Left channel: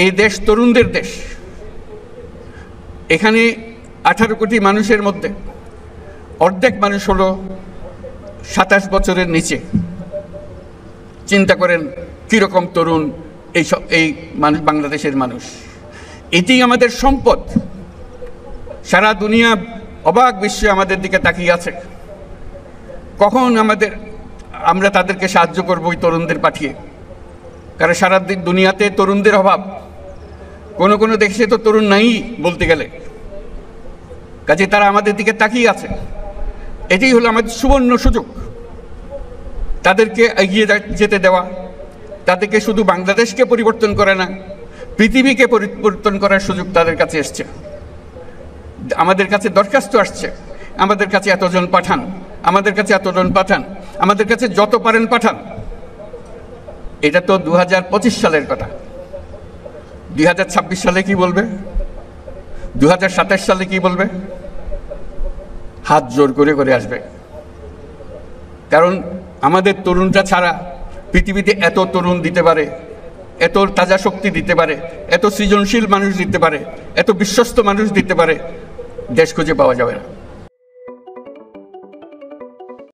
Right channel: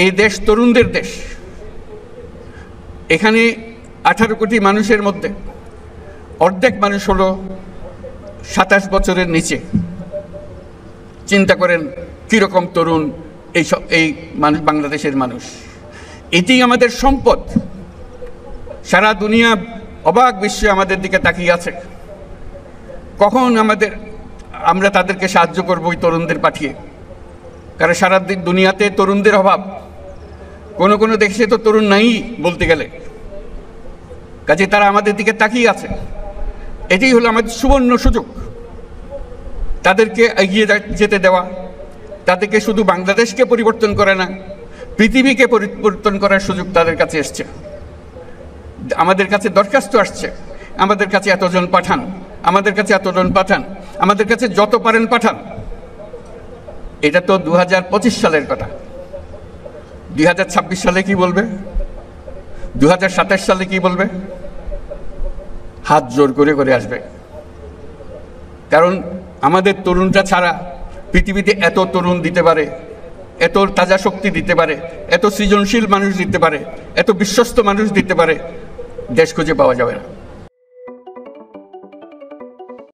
এই দেশ তরুণদের দেশ। এখানে 18 কোটি মানুষের মধ্যে অর্ধেক মানুষ হলো 27 বছরের নিচে। চিন্তা করেন কিরকম তরুণ এই মানুষ, বাংলাদেশের মানুষ। এটি আমাদের সম্পদ। সারা দুনিয়া অবাক বিশ্বে আমাদের দিকে তাকিয়ে আছে, কখন আমরা তাদেরকে সাহায্য করব ওই তরুণদের পাঠিয়ে। কারণ সারা দুনিয়াতে তরুণদের অভাব, কোনো দেশে তো তরুণ নাই বলতে গেলে। কাজে তারা আমাদের দিকে তাকিয়ে আছে। এটি হলো আমাদের সুবর্ণ সুযোগ, তাদেরকে এগিয়ে যেতে দেওয়া। তাদেরকে শুধু বাংলাদেশকে পরিবর্তন করে না, পৃথিবীকে পরিবর্তন করার সুযোগ তাদের কাছে এসছে। আমাদের কাছে দরখাস্ত আসছে, আমাদের কাছে এতজন পাঠান, আমাদের কাছে এতজন পাঠান, আমাদের কাছে যত পারেন পাঠান। এটা তো 2025 সালের কথা। 2026 সালে কি বলবে? 2027 সালে কি বলবে? হাত জোর করে করে আসবে। কারণ আমাদের তরুণটা ছাড়া পৃথিবীতে এত তরুণ দিতে পারে, এত তাজা শক্তি দিতে পারে, এত সৃজনশীল মানুষ দিতে পারে, এত বিশ্বস্ত মানুষ দিতে পারে, দেশ খুঁজে পাওয়া যাবে না।